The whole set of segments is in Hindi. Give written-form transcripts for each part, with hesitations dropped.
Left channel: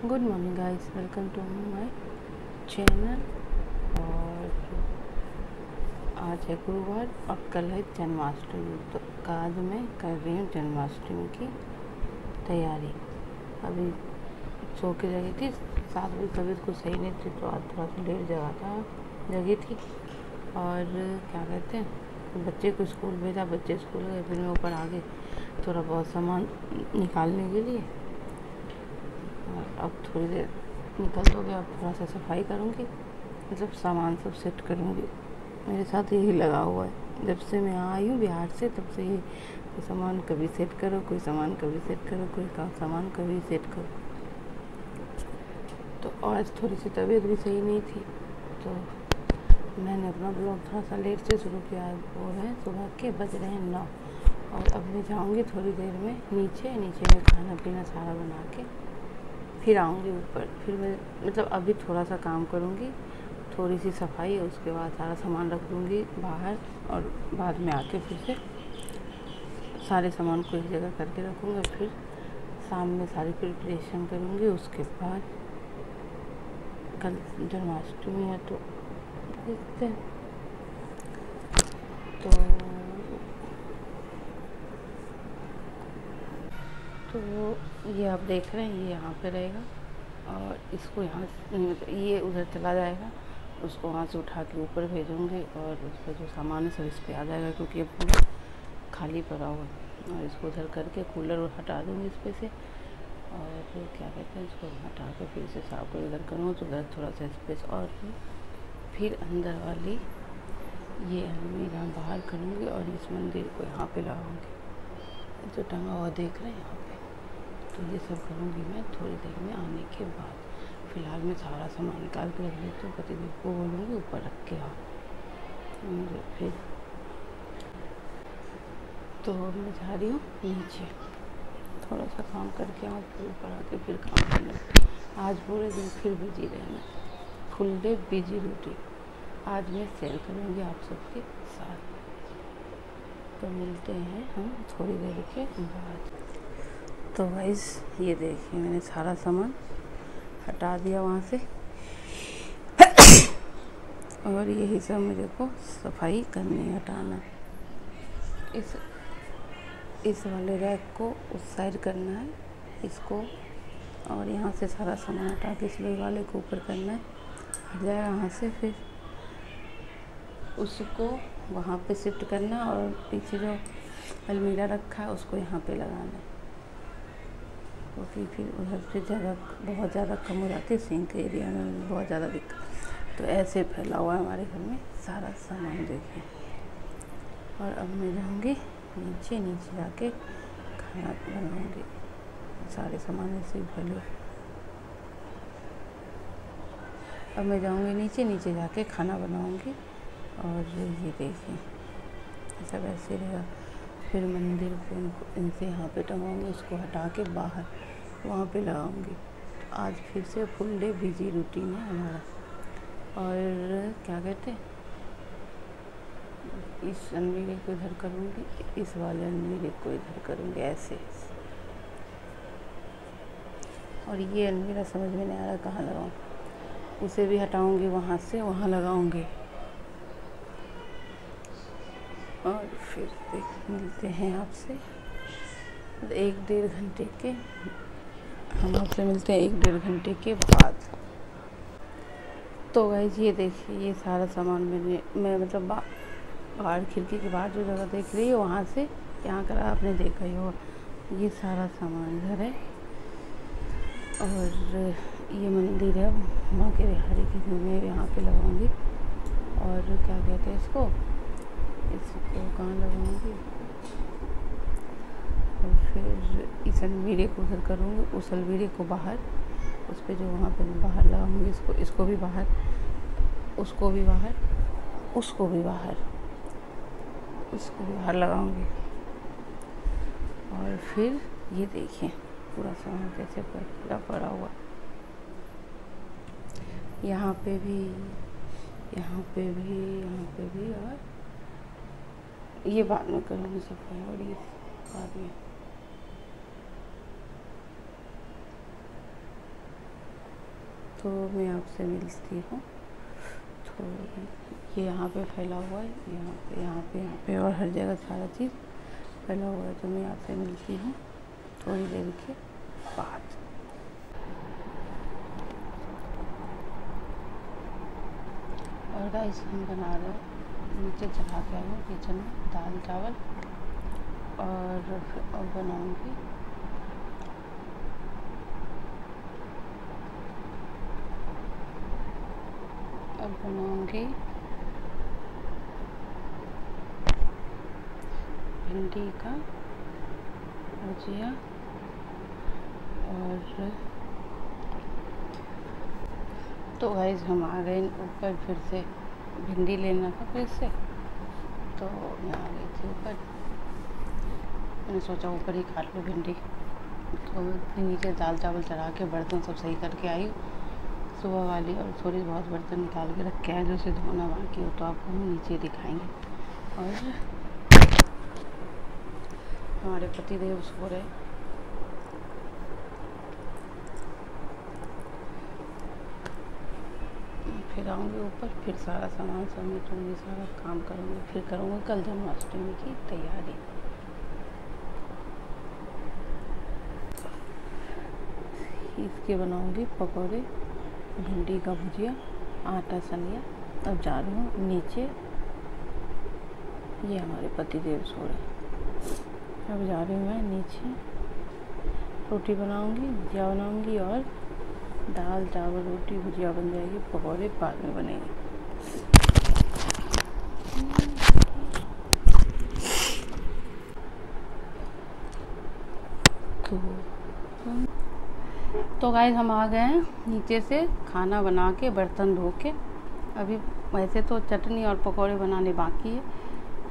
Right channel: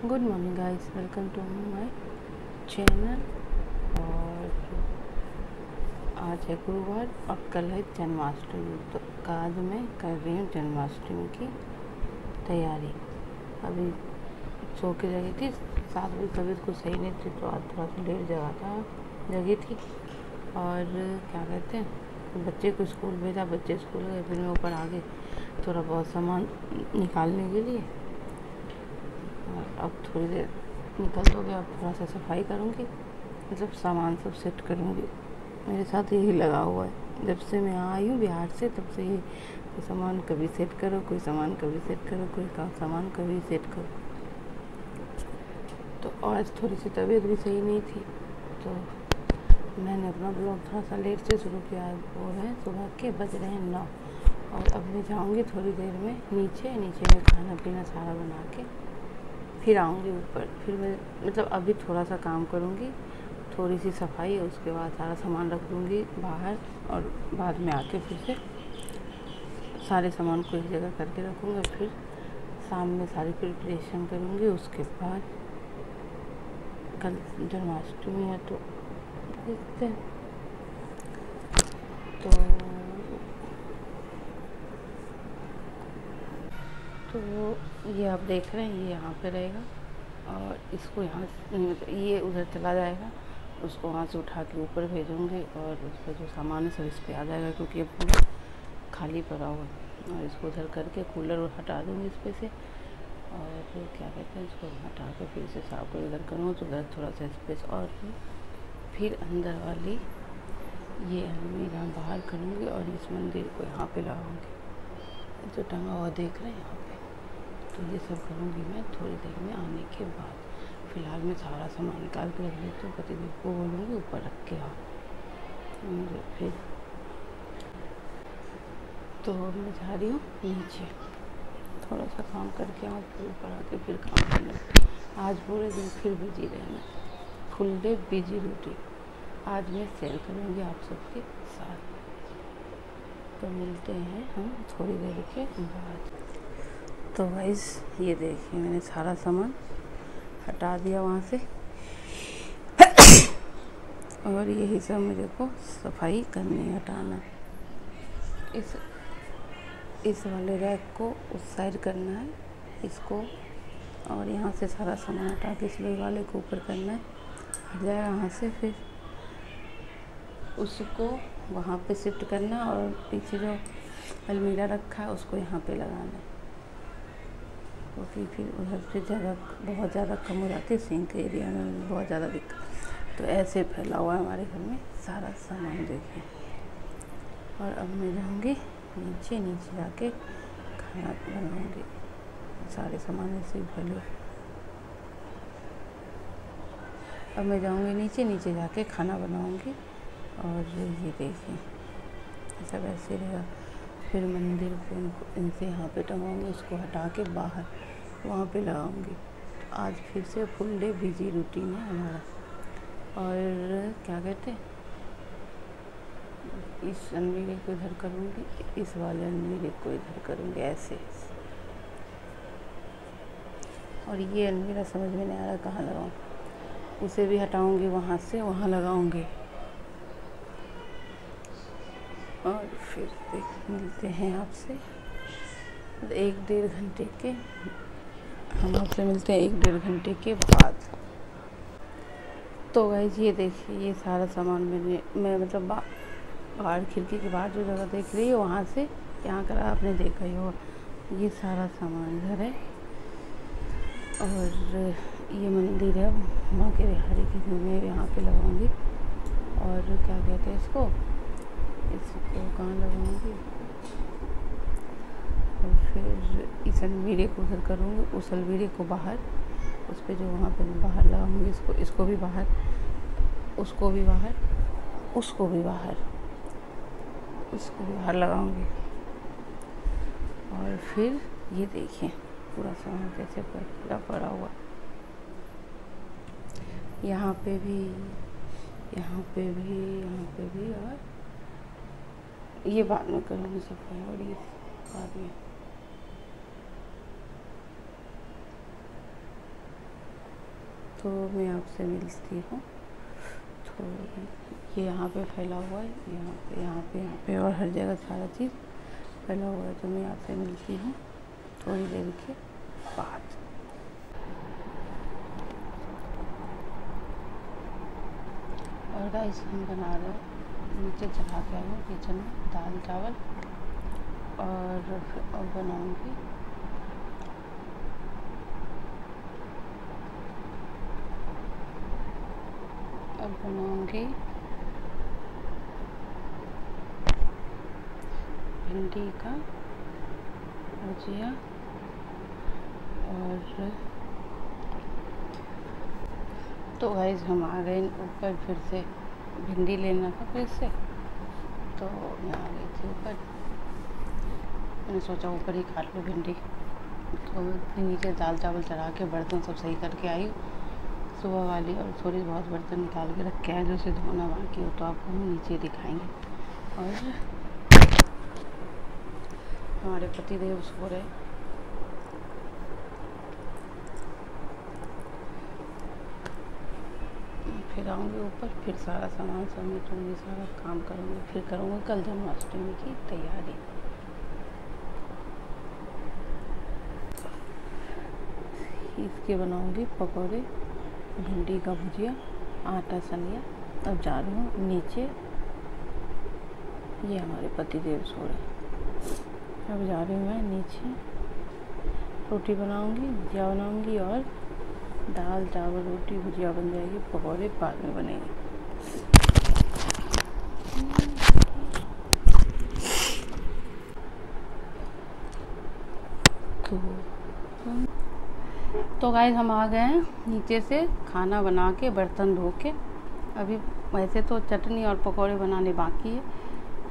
Good morning guys, welcome to my channel. और आज है गुरुवार और कल है जन्माष्टमी, तो आज मैं कर रही हूँ जन्माष्टमी की तैयारी। अभी सो के जगी थी 7 बजे, तबीयत कुछ सही नहीं थी तो आज थोड़ा सा लेट जगी थी। और क्या कहते हैं, बच्चे को स्कूल भेजा, बच्चे स्कूल गए, फिर मैं ऊपर आ गई थोड़ा बहुत सामान निकालने के लिए। और अब थोड़ी देर निकल तो गया, अब थोड़ा सा सफाई करूँगी, मतलब सामान सब सेट करूँगी। मेरे साथ यही लगा हुआ है, जब से मैं आई हूँ बिहार से तब से ही कोई सामान कभी सेट करो, कोई सामान कभी सेट करो, कोई सामान कभी सेट करो। तो आज थोड़ी सी तबीयत भी सही नहीं थी तो मैंने अपना ब्लॉग थोड़ा सा लेट से शुरू किया। वो है सुबह के बज रहे हैं 9 और अब मैं जाऊँगी थोड़ी देर में नीचे में खाना पीना सारा बना के फिर आऊँगी ऊपर। फिर मैं मतलब अभी थोड़ा सा काम करूँगी, थोड़ी सी सफाई, उसके बाद सारा सामान रख दूँगी बाहर और बाद में आके फिर से सारे सामान को एक जगह करके रखूँगी। फिर शाम में सारी प्रिपरेशन करूँगी। उसके बाद कल जन्माष्टमी है तो देखते हैं। तो ये आप देख रहे हैं, ये यहाँ पे रहेगा और इसको यहाँ मतलब ये उधर चला जाएगा, उसको वहाँ से उठा के ऊपर भेजूँगी और उस पर जो सामान है सब इस पर आ जाएगा, क्योंकि ये पूरा खाली पड़ा हुआ। और इसको उधर करके कूलर हटा दूँगी इस पर से, और क्या कहते हैं, इसको हटा के फिर से साफ कर इधर करूँगा तो उधर थोड़ा सा स्पेस। और फिर अंदर वाली ये अलमीरा बाहर करूँगी और इस मंदिर को यहाँ पे लगाऊँगी, जो टंगा हुआ देख रहे हैं यहाँ पे। तो ये सब करूँगी मैं थोड़ी देर में आने के बाद। फ़िलहाल मैं सारा सामान निकाल के रख देती हूँ, पतिदेव को बोलूँगी ऊपर रख के आओ। फिर तो मैं जा रही हूँ नीचे, थोड़ा सा काम करके आऊँ, फिर ऊपर आके फिर काम करना। आज पूरे दिन फिर बिजी रहना, फुल डे बिजी रूटीन आज मैं शेयर करूँगी आप सबके साथ। तो मिलते हैं हम थोड़ी देर के बाद। तो गाइस ये देखिए, मैंने सारा सामान हटा दिया वहाँ से और यही सब मेरे को सफाई करनी है, हटाना है। इस वाले रैक को उस साइड करना है इसको, और यहाँ से सारा सामान हटा के इस वाले को ऊपर करना है, हट जाएगा यहाँ से। फिर उसको वहाँ पे शिफ्ट करना और पीछे जो अलमीरा रखा है उसको यहाँ पे लगाना है, क्योंकि फिर उधर से जगह बहुत ज़्यादा कम हो जाती है, सिंक एरिया में बहुत ज़्यादा दिक्कत। तो ऐसे फैला हुआ है हमारे घर में सारा सामान, देखिए। और अब मैं जाऊँगी नीचे जाके खाना बनाऊँगी, सारे सामान ऐसे ही फैले। अब मैं जाऊँगी नीचे जाके खाना बनाऊँगी। और ये देखिए सब ऐसे रहेगा। फिर मंदिर को इनसे यहाँ पे टंगाऊँगी, उसको हटा के बाहर वहाँ पे लगाऊँगी। आज फिर से फुल डे बिजी रूटीन है हमारा। और क्या कहते हैं, इस अलमीरे को इधर करूँगी, इस वाले अलमीरे को इधर करूँगी ऐसे। और ये अलमीरा समझ में नहीं आ रहा कहाँ लगाऊँ, उसे भी हटाऊँगी, वहाँ से वहाँ लगाऊँगी। और फिर मिलते हैं आपसे 1-1.5 घंटे के, हम आपसे मिलते हैं 1-1.5 घंटे के बाद। तो गाइस ये देखिए, ये सारा सामान मैं मतलब बाहर खिड़की के बाहर जो जगह देख रही है वहाँ से यहाँ का आपने देखा ही होगा। ये सारा सामान इधर है और ये मंदिर है माँ के बिहारी की, मैं यहाँ पे लगाऊंगी। और क्या कहते हैं इसको कहाँ लगाऊंगी, और फिर इस अलमीरे को उधर करूँगी, उस अलमीरे को बाहर, उस पर जो वहाँ पे बाहर लगाऊंगी, इसको भी बाहर, उसको भी बाहर, उसको भी बाहर, इसको भी बाहर लगाऊंगी। और फिर ये देखिए पूरा सामान कैसे पूरा पड़ा हुआ, यहाँ पे भी, यहाँ पे भी, यहाँ पे भी। और ये बाद में करूँगी सफाई, और ये बाद में। तो मैं आपसे मिलती हूँ। तो ये यहाँ पे फैला हुआ है, यहाँ पे और हर जगह सारा चीज़ फैला हुआ है। तो मैं आपसे मिलती हूँ थोड़ी देर के बाद। और गाइस हम बना रहे हैं, नीचे चढ़ा के आए हैं किचन में दाल चावल, और बनाऊँगी भिंडी का भुजिया। और तो गाइस हम आ गए ऊपर, फिर से भिंडी लेना था फिर से, तो मैं आ गई थी ऊपर। मैंने सोचा ऊपर ही काट लो भिंडी। तो नीचे दाल चावल चढ़ा के बर्तन सब सही करके आई सुबह वाली, और थोड़ी बहुत बर्तन निकाल के रखे हैं जो से धोना बाकी हो, तो आपको हम नीचे दिखाएंगे। और हमारे पतिदेव सो रहे, फिर आऊँगी ऊपर, फिर सारा सामान समेटूँगी, सारा काम करूँगी, फिर करूँगी कल जन्माष्टमी की तैयारी। इसके बनाऊँगी पकौड़े, भिंडी का भुजिया, आटा सनिया। अब जा रही हूँ नीचे, ये हमारे पतिदेव सो रहे। अब जा रही हूँ मैं नीचे, रोटी बनाऊँगी, भुजिया बनाऊँगी, और दाल चावल रोटी भुजिया बन जाएगी, पकौड़े बाद में बनेंगे। तो गाइस हम आ गए हैं नीचे से खाना बना के, बर्तन धो के। अभी वैसे तो चटनी और पकौड़े बनाने बाकी है,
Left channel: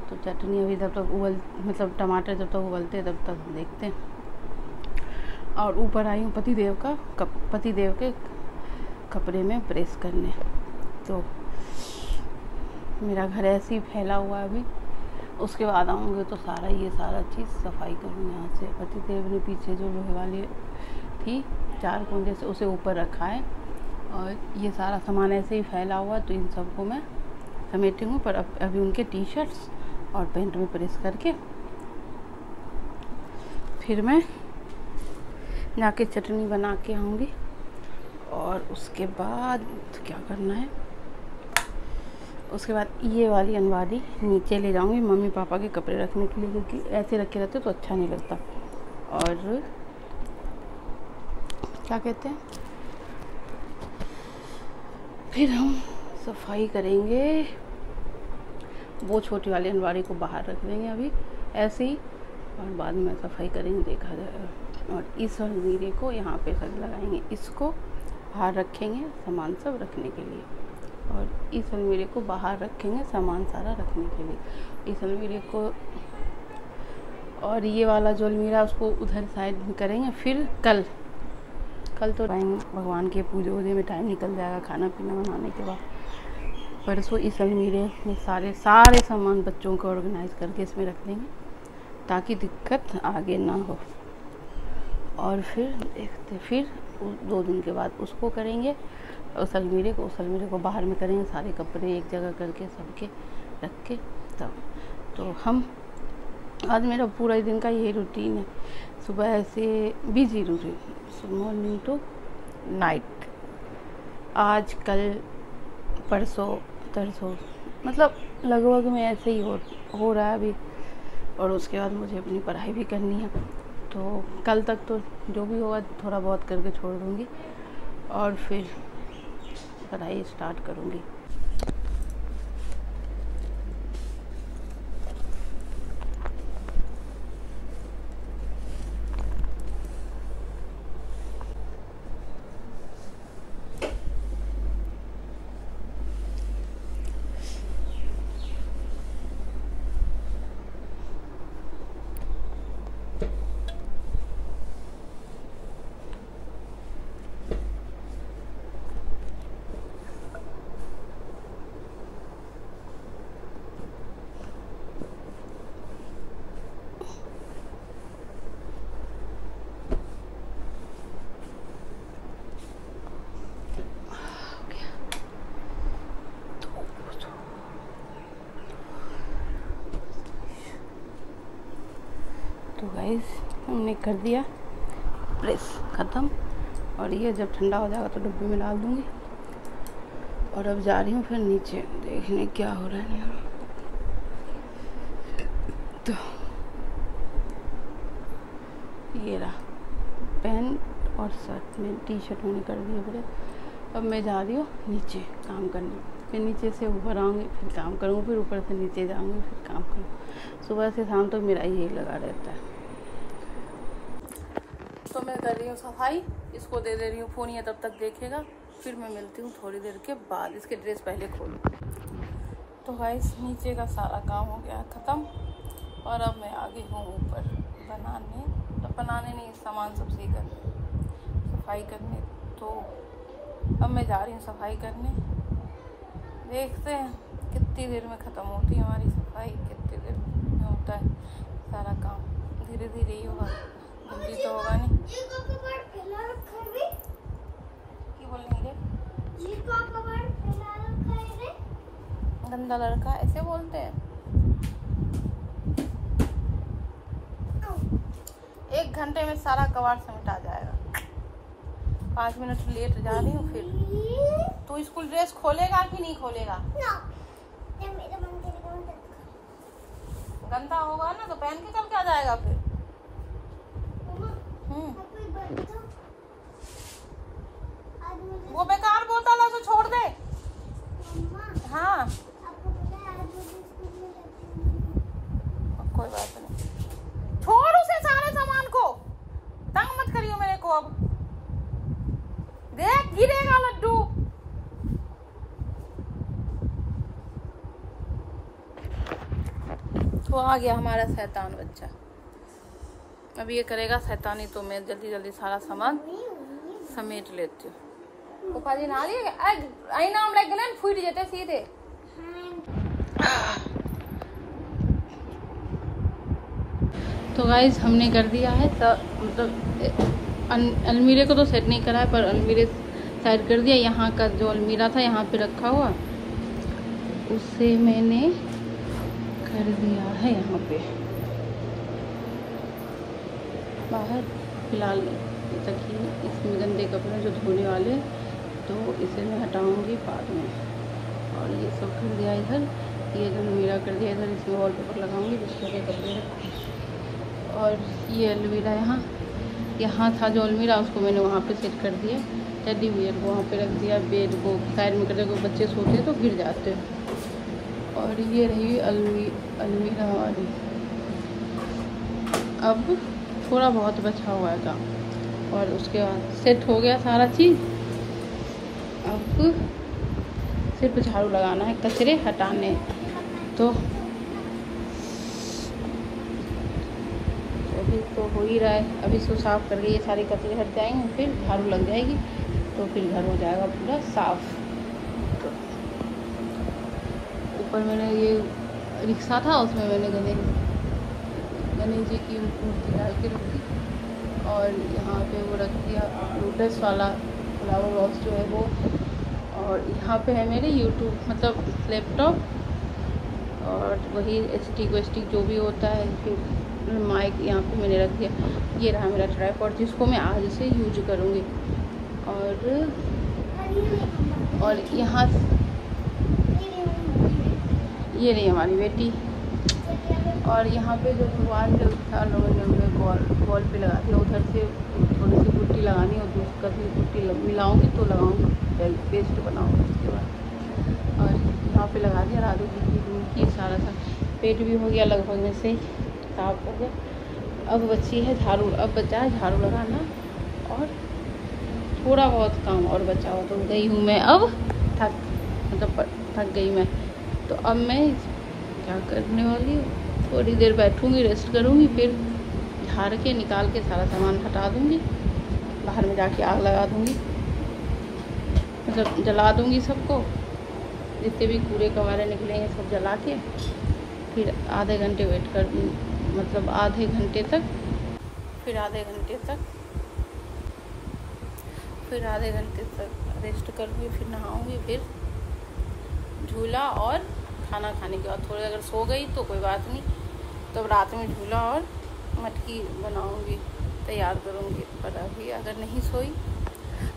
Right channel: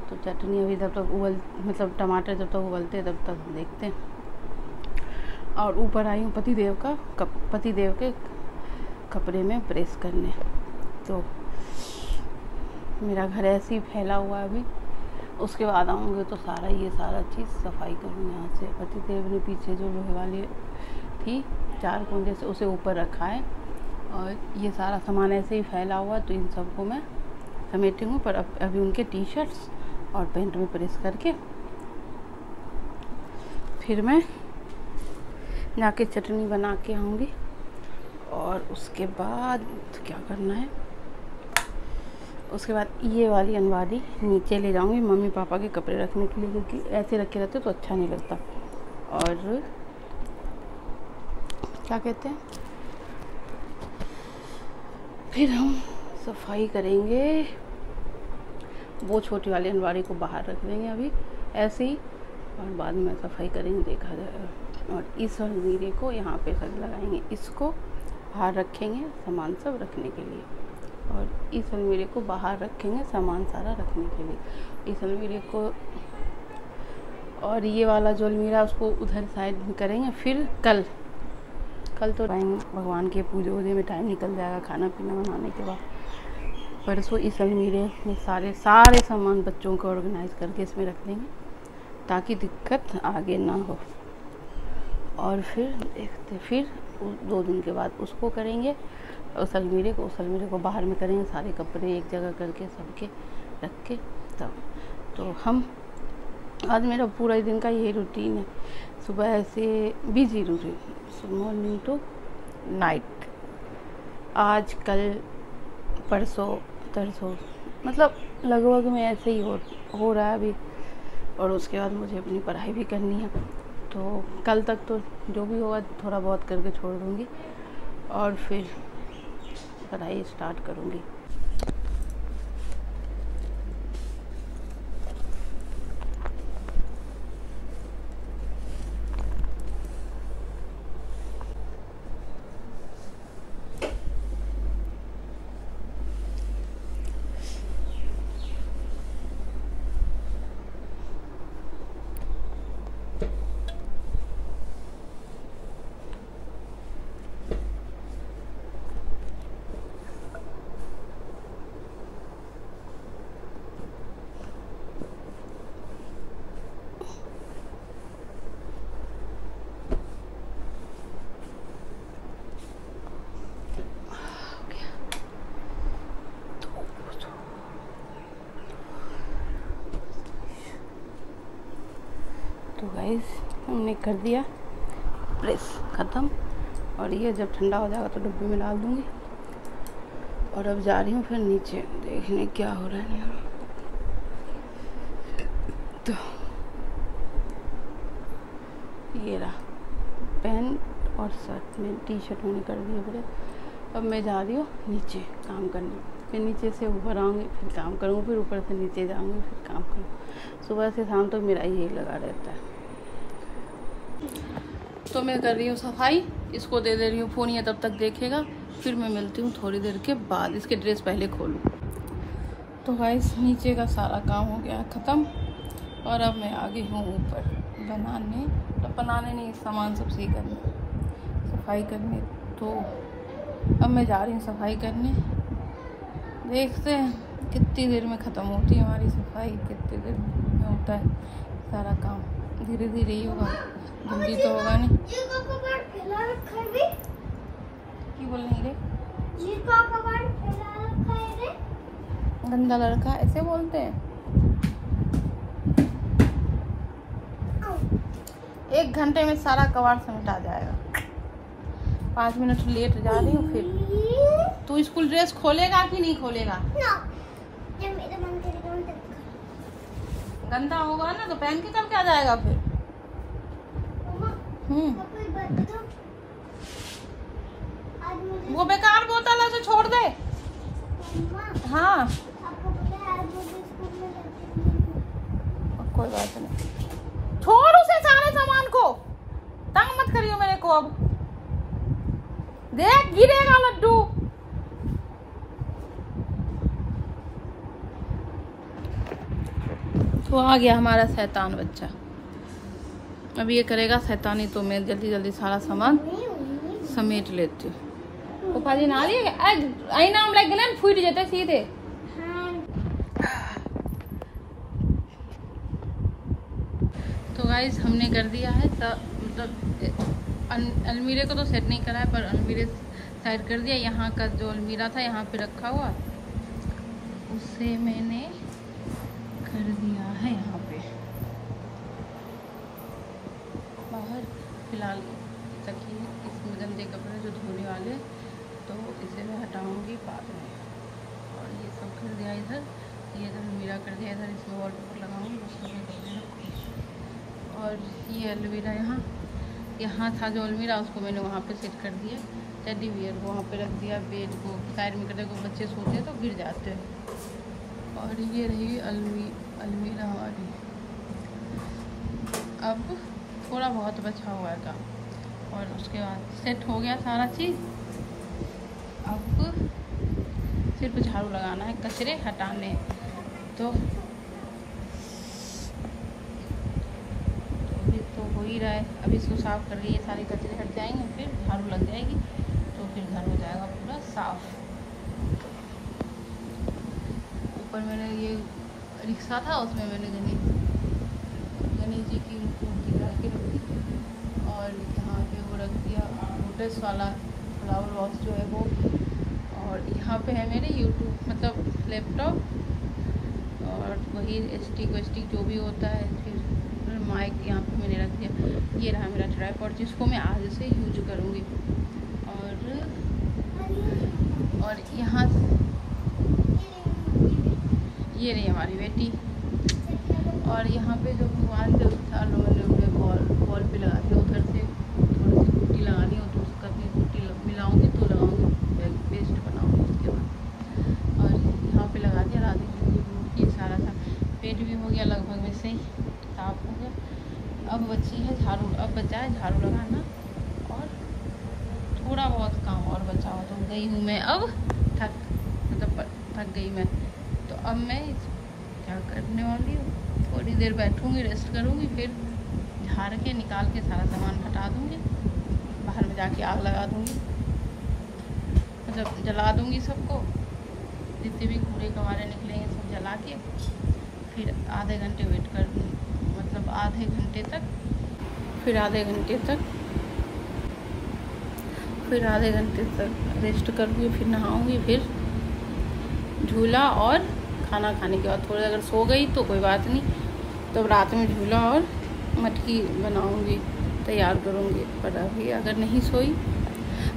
तो चटनी अभी जब तक मतलब टमाटर जब तक उबलते तब तक देखते हैं। और ऊपर आई हूँ पतिदेव के कपड़े में प्रेस करने। तो मेरा घर ऐसे ही फैला हुआ है अभी, उसके बाद आऊँगी तो सारा चीज़ सफाई करूँगी यहाँ से। पतिदेव ने पीछे जो लोहे वाली थी 4 कुंजे से, उसे ऊपर रखा है, और ये सारा सामान ऐसे ही फैला हुआ है, तो इन सबको मैं समेटूँगी। पर अभी उनके टी शर्ट्स और पैंट में प्रेस करके फिर मैं जाके चटनी बना के आऊँगी। और उसके बाद क्या करना है, उसके बाद ये वाली अलमारी नीचे ले जाऊँगी मम्मी पापा के कपड़े रखने के लिए, क्योंकि ऐसे रखे रहते तो अच्छा नहीं लगता। और क्या कहते हैं, फिर हम सफाई करेंगे, वो छोटी वाली अलमारी को बाहर रख देंगे अभी ऐसे ही, और बाद में सफाई करेंगे, देखा जाएगा। और इस अलमीरे को यहाँ पे सब लगाएंगे, इसको बाहर रखेंगे सामान सब रखने के लिए, और इस अलमीरे को बाहर रखेंगे सामान सारा रखने के लिए, इस अलमीरे को। और ये वाला जो अलमीरा उसको उधर साइड में करेंगे। फिर कल तो भगवान के पूजे वूजे में टाइम निकल जाएगा, खाना पीना बनाने के बाद। परसों इस अलमीरे में सारे सामान बच्चों को ऑर्गेनाइज करके इसमें रख देंगे, ताकि दिक्कत आगे ना हो। और फिर देखते, फिर 2 दिन के बाद उसको करेंगे, उस अलमीरे को बाहर में करेंगे, सारे कपड़े एक जगह करके सबके रख के तब। तो हम आज मेरा पूरा ही दिन का यही रूटीन है, सुबह से busy routine, morning to night. आज कल परसों तरसों मतलब लगभग में ऐसे ही हो रहा है अभी। और उसके बाद मुझे अपनी पढ़ाई भी करनी है, तो कल तक तो जो भी होगा थोड़ा बहुत करके छोड़ दूँगी, और फिर पढ़ाई स्टार्ट करूँगी। गाइस हमने कर दिया प्रेस ख़त्म, और ये जब ठंडा हो जाएगा तो डब्बे में डाल दूँगी। और अब जा रही हूँ फिर नीचे देखने क्या हो रहा है यहाँ। तो ये रहा पैंट और शर्ट में, टी शर्ट मैंने कर दिया पूरे। अब मैं जा रही हूँ नीचे काम करने, फिर नीचे से ऊपर आऊँगी फिर काम करूँगी, फिर ऊपर से नीचे जाऊँगी फिर काम करूँगी। सुबह से शाम तक मेरा यही लगा रहता है। तो मैं कर रही हूँ सफाई, इसको दे रही हूँ फ़ोन, ये तब तक देखेगा, फिर मैं मिलती हूँ थोड़ी देर के बाद। इसके ड्रेस पहले खोलूँ। तो गाइस नीचे का सारा काम हो गया ख़त्म, और अब मैं आ गई हूँ ऊपर बनाने, तो बनाने नहीं, सामान सब सही करने, सफाई करने। तो अब मैं जा रही हूँ सफाई करने, देखते हैं कितनी देर में ख़त्म होती है हमारी सफाई, कितनी देर में होता है सारा काम। धीरे धीरे ही होगा, जल्दी तो होगा नहीं। की बोल रही रे? गंदा लड़का ऐसे बोलते हैं? 1 घंटे में सारा कबाड़ समेटा जाएगा। 5 मिनट लेट जा रही हूँ। फिर तू स्कूल ड्रेस खोलेगा कि नहीं खोलेगा? गंदा होगा ना तो पहन के कल क्या जाएगा फिर? वो बेकार बोतल है, उसे छोड़ दे। हाँ कोई बात नहीं, छोड़ उसे, सारे सामान को तंग मत करियो मेरे को। अब देख गिरेगा लड्डू। तो आ गया हमारा शैतान बच्चा, अब ये करेगा शैतानी, तो मैं जल्दी जल्दी सारा सामान समेट लेती हूँ। पप्पा जी ना आई नाम लग गए फूट जाते सीधे। तो गाइस हमने कर दिया है सब, मतलब अलमीरे को तो सेट नहीं करा है, पर अलमीरे साइड कर दिया। यहाँ का जो अलमीरा था यहाँ पे रखा हुआ, उसे मैंने कर दिया है यहाँ पे बाहर। फिलहाल तकिए इसमें गंदे कपड़े जो धोने वाले, तो इसे मैं हटाऊंगी बाद में। और ये सब कर दिया इधर, ये जो अलमीरा कर दिया इधर, इसमें वॉलपेपर लगाऊंगी जिसमें लगे कपड़े रखूँ। और ये अलमीरा यहाँ था जो अलमीरा, उसको मैंने वहाँ पे सेट कर दिया। टेडी बियर को वहाँ पे रख दिया, बेड को साइड में कर दिया, कोई बच्चे सोते हैं तो गिर जाते हैं। और ये रही अलमीरा हमारी। अब थोड़ा बहुत बचा हुआ है काम, और उसके बाद सेट हो गया सारा चीज़। अब सिर्फ झाड़ू लगाना है, कचरे हटाने। तो अभी तो हो ही रहा है, अभी इसको साफ़ करके ये सारे कचरे हट जाएंगे, फिर झाड़ू लग जाएगी, तो फिर घर हो जाएगा पूरा साफ। तो ऊपर मैंने ये रिक्शा था, उसमें मैंने गणेश जी की मूर्ति डाल के रख दी। और यहाँ पे वो रख दिया लोटस वाला फ्लावर वॉश जो है वो। और यहाँ पे है मेरे यूट्यूब, मतलब लैपटॉप, और वही स्टिक जो भी होता है, जो माइक यहाँ पे मैंने रख दिया। ये रहा मेरा ट्राइपॉड, जिसको मैं आज से यूज करूँगी। और यहाँ ये रही हमारी बेटी। और यहाँ पे जो भगवान जो था मैंने वॉल पे लगा दिया, उधर से थोड़ी सी पुट्टी लगानी है, तो उसका भी पुट्टी मिलाऊंगी तो लगाऊंगी, पेस्ट बनाऊंगी उसके बाद। और यहाँ पे लगा दिया राधे की सारा सा। पेट भी हो गया लगभग में से साफ हो गया। अब बची है झाड़ू, अब बचा है झाड़ू लगाना, और थोड़ा बहुत काम और बचा हो। तो गई हूँ मैं अब थक गई मैं। तो अब मैं क्या करने वाली, थोड़ी देर बैठूँगी, रेस्ट करूँगी, फिर झाड़ के निकाल के सारा सामान हटा दूँगी, बाहर में जाके आग लगा दूँगी, मतलब जला दूँगी सबको, जितने भी कूड़े कबाड़े निकले हैं सब जला के। फिर आधे घंटे वेट कर, मतलब आधे घंटे तक रेस्ट करूँगी, फिर नहाऊँगी, फिर झूला और खाना खाने के बाद थोड़ा अगर सो गई तो कोई बात नहीं, तब रात में झूला और मटकी बनाऊंगी, तैयार करूंगी। पर अभी अगर नहीं सोई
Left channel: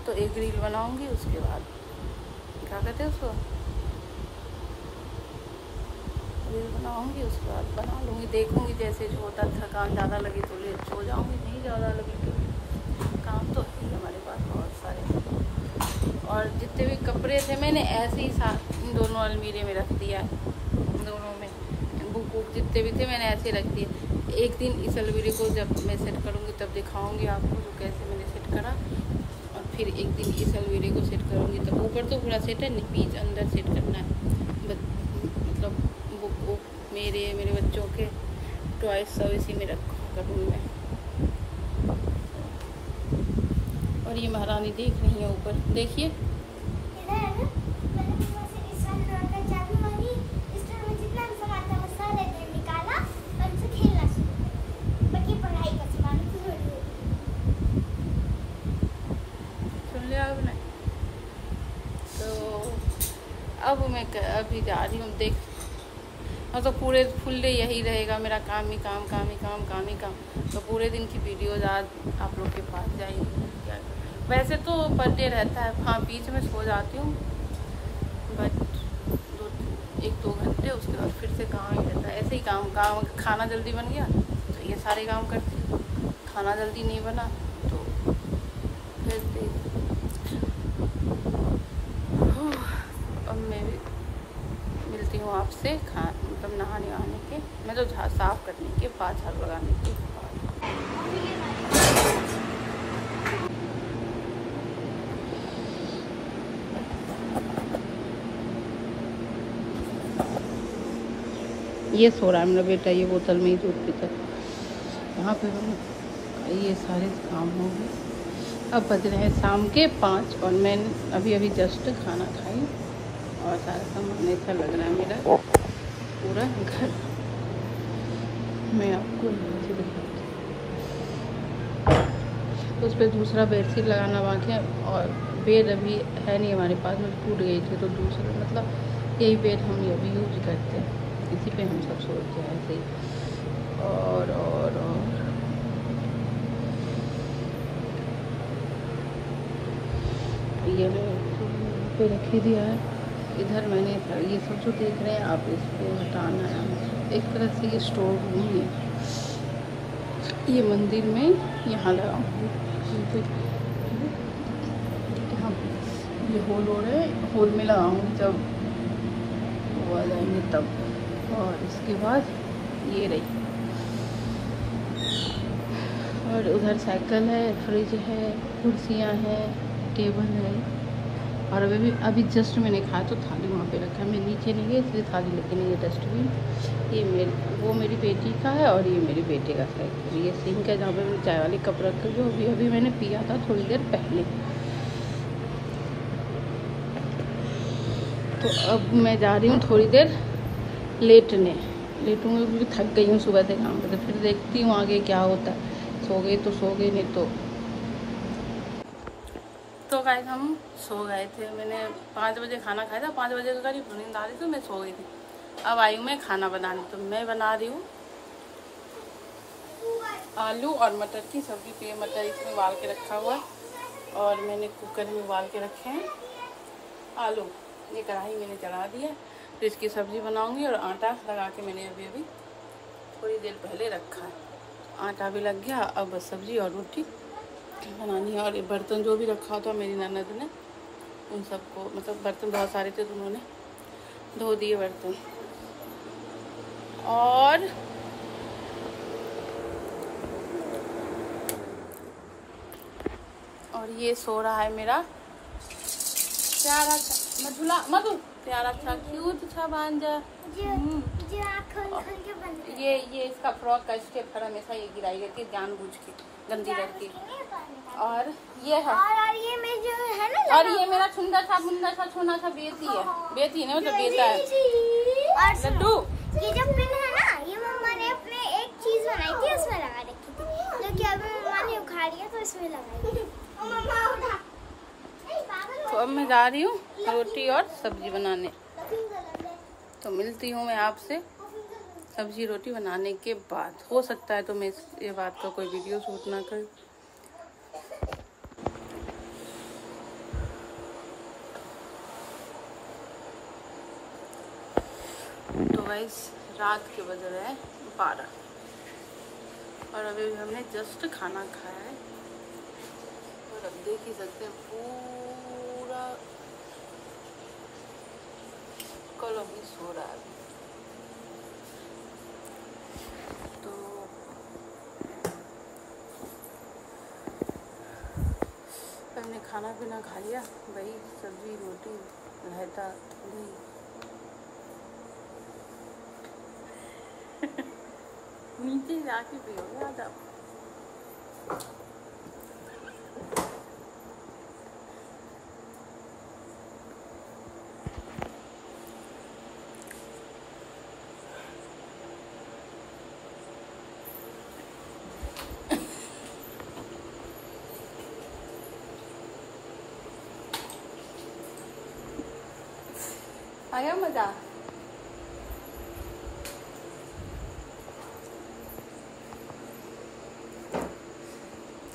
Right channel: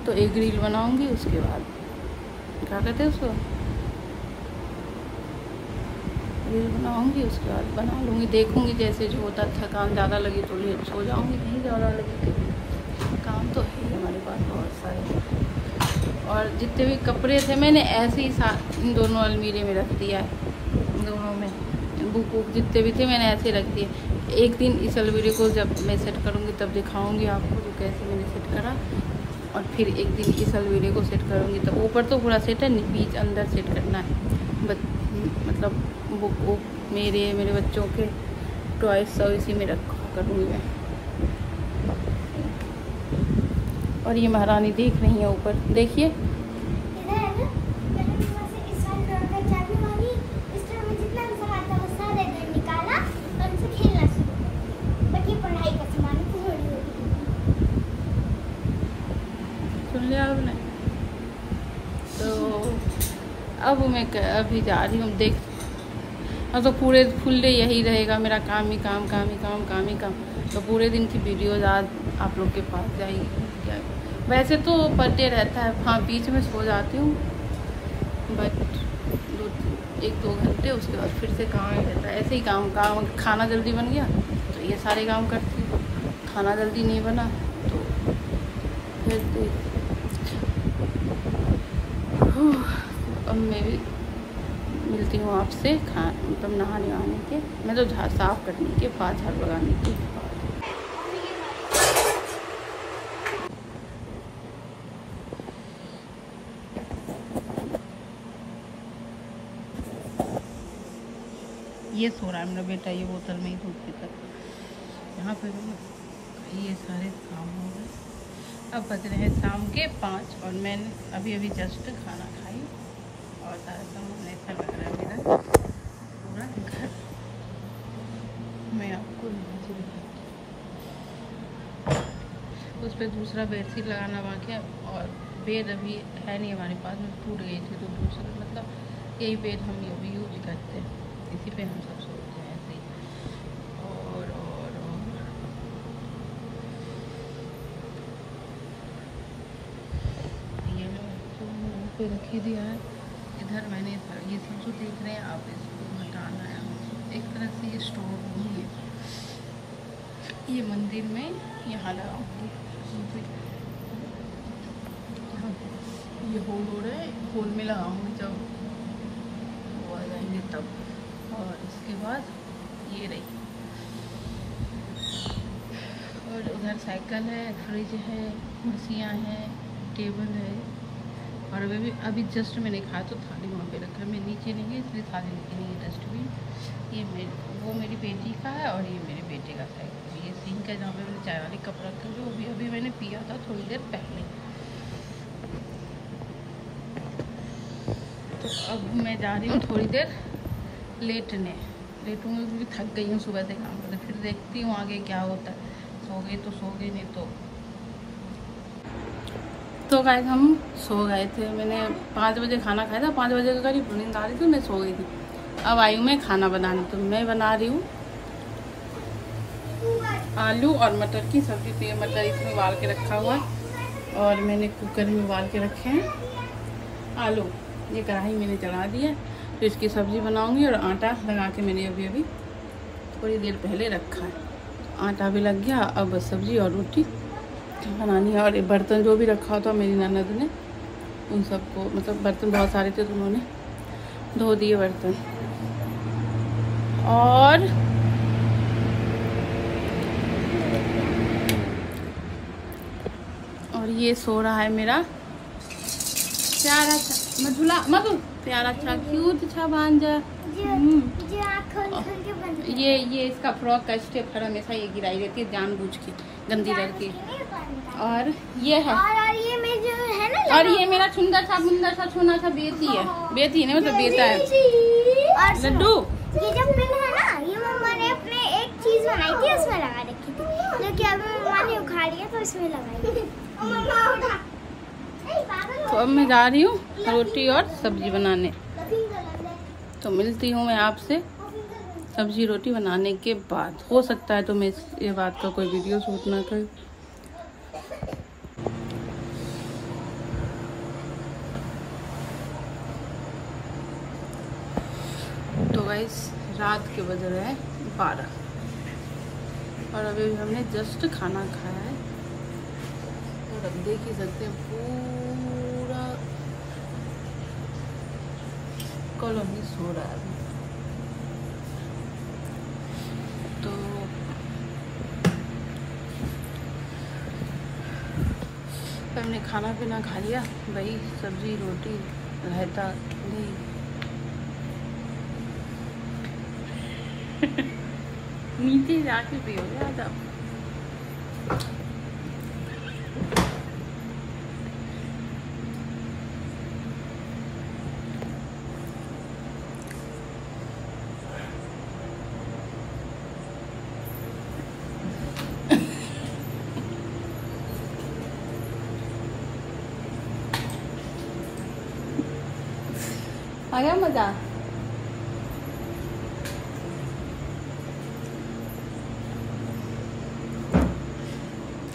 तो एक रील बनाऊंगी, उसके बाद क्या कहते हैं उसको, रील बनाऊंगी, उसके बाद बना लूँगी, देखूंगी जैसे जो होता। थकान ज़्यादा लगी तो सो जाऊंगी, नहीं ज़्यादा लगी तो काम तो है हमारे पास बहुत सारे। और जितने भी कपड़े थे मैंने ऐसे ही इन दोनों अलमीरे में रख दिया है, दोनों में बुक वुक जितने भी थे मैंने ऐसे रख दिए। एक दिन इस अलमीरे को जब मैं सेट करूँगी तब दिखाऊँगी आपको जो कैसे मैंने सेट करा। और फिर एक दिन इस अलमीरे को सेट करूँगी, तब ऊपर तो पूरा सेट है, बीच अंदर सेट करना है। मतलब बुक वुक मेरे बच्चों के टॉयज सब इसी में रखा करूँगी मैं। और ये महारानी देख रही है ऊपर, देखिए सुन लिया आपने। तो अब मैं अभी जा रही हूँ, देख तो पूरे फुल डे यही रहेगा मेरा, काम ही काम, काम ही काम, काम ही काम। तो पूरे दिन की वीडियोज आज आप लोग के पास जाएगी। क्या वैसे तो पढ़ते रहता है, हाँ बीच में सो जाती हूँ, बट 1-2 घंटे, उसके बाद फिर से काम ही रहता है। ऐसे ही काम खाना जल्दी बन गया तो ये सारे काम करती हूँ, खाना जल्दी नहीं बना तो फिर अब मैं भी मिलती हूँ आपसे मतलब नहाने वहाने के, मैं तो साफ करने के बाद, झाड़ू लगाने के बाद। ये सो रहा है मेरा बेटा, ये बोतल में ही दूध पीता है। यहाँ पे ये सारे काम हो गए। अब बज रहे हैं शाम के 5 और मैंने अभी जस्ट खाना खाई और सारा सामान ऐसा लग रहा है मेरा पूरा घर। मैं आपको नीचे दिखाती हूँ, उस पर दूसरा बेडशीट लगाना बाकी है। और बेड अभी है नहीं हमारे पास में, टूट गई थी तो दूसरा मतलब यही बेड हम अभी यूज करते हैं, इसी पे हम सब सोचते हैं ऐसे ही। और ये यहीं पे रखे दिया है। इधर मैंने ये सब जो देख रहे हैं आप, इसको हटाना है। एक तरह से ये स्टोर रूम है, ये मंदिर में यहाँ लगाऊंगी। यहाँ ये होल हो रहे हैं, होल में लगाऊंगी जब वो आ जाएंगे तब। और इसके बाद ये रही, और उधर साइकिल है, फ्रिज है, कुर्सियाँ हैं, टेबल है। और अभी जस्ट मैंने खाया तो थाली वहाँ पे रखा है, मैं नीचे नहीं गई इसलिए थाली लेके नहीं है। डस्टबिन ये वो मेरी बेटी का है और ये मेरे बेटे का है। ये सिंक है जहाँ पे मैं चाय वाली कप रख जो अभी मैंने पिया था थोड़ी देर पहले। तो अब मैं जा रही हूँ थोड़ी देर लेटूँगी क्योंकि थक गई हूँ सुबह से काम करके। फिर देखती हूँ आगे क्या होता है, सो गई तो सो गई, नहीं तो गाइस हम सो गए थे। मैंने 5 बजे खाना खाया था, 5 बजे के करीब नींद आ रही थी, मैं सो गई थी। अब आई हूँ मैं खाना बनाने, तो मैं बना रही हूँ आलू और मटर की सब्जी। तो ये मटर इसमें उबाल के रखा हुआ है और मैंने कुकर में उबाल के रखे हैं आलू। ये कढ़ाई मैंने चढ़ा दी है, तो इसकी सब्जी बनाऊंगी। और आटा लगा के मैंने अभी थोड़ी देर पहले रखा है, आटा भी लग गया। अब बस सब्जी और रोटी बनानी है। और बर्तन जो भी रखा था मेरी ननद ने, उन सबको मतलब बर्तन बहुत सारे थे तो उन्होंने धो दिए बर्तन। और ये सो रहा है मेरा प्यारा मधु प्यारा सा क्यूट सा भांजा। ये इसका फ्रॉक का स्टेप हर हमेशा ये गिराई रहती है जानबूझ के, गंदी लड़की। और ये है और ये मेरा सुंदर सा मुंदर सा सोना सा बेटी है, बेटी नहीं मतलब बेटा है लड्डू। ये जब है ना, ये मम्मा ने अपने एक चीज बनाई थी उसमें लगा रखी थी, जो कि अभी मम्मा ने उखाड़ दिया तो उसमें लगाई थी। तो अब मैं जा रही हूँ रोटी और सब्जी बनाने। तो मिलती हूँ मैं आपसे सब्जी रोटी बनाने के बाद हो सकता है तो मैं ये बात का कोई वीडियो शूट ना कर। तो गाइस रात के बज रहे हैं 12 और अभी हमने जस्ट खाना खाया है और अब देख ही सकते हैं पूरा कॉलोनी सो रहा है। तो हमने खाना पीना खा लिया भाई, सब्जी रोटी रायता नहीं नीचे जाके पियो याद आप। आया मजा।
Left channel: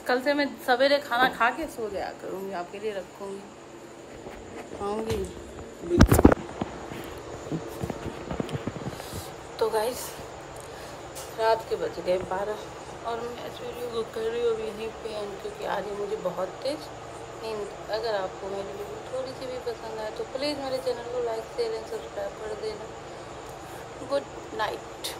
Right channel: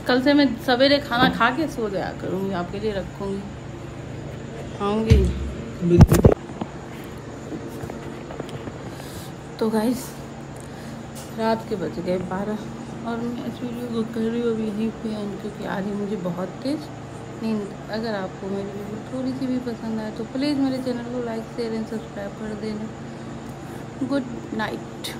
कल से मैं सवेरे खाना खा के सो जाया करूँगी, आपके लिए रखूँगी, खाऊंगी। तो गाइस रात के बज गए 12 और मैं इस वीडियो को कर रही हूँ क्योंकि आ रही मुझे बहुत तेज नींद। अगर आपको मेरी वीडियो थोड़ी सी भी पसंद आए तो प्लीज़ मेरे चैनल को लाइक शेयर एंड सब्सक्राइब कर देना। Good night.